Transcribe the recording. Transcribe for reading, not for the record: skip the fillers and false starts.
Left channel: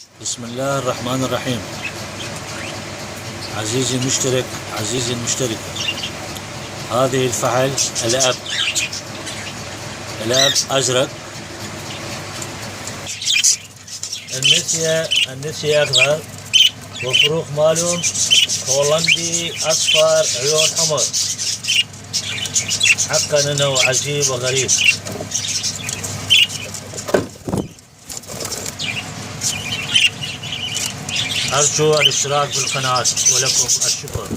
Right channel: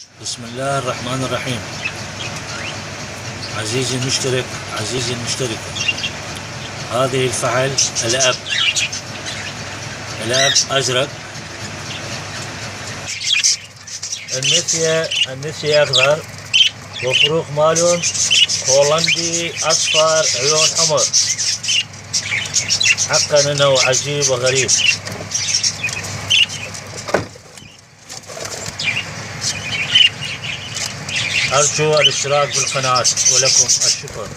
بسم الله الرحمن الرحيم. عزيزي المشترك، عزيزي المشتركة، هذه الفحل الأب أزرق، النسية أخضر، وفروخ مالهم هولندي أصفر عيون حمر. حقا إنه عجيب وغريب. أرجو الاشتراك بالقناة ولكم الشكر.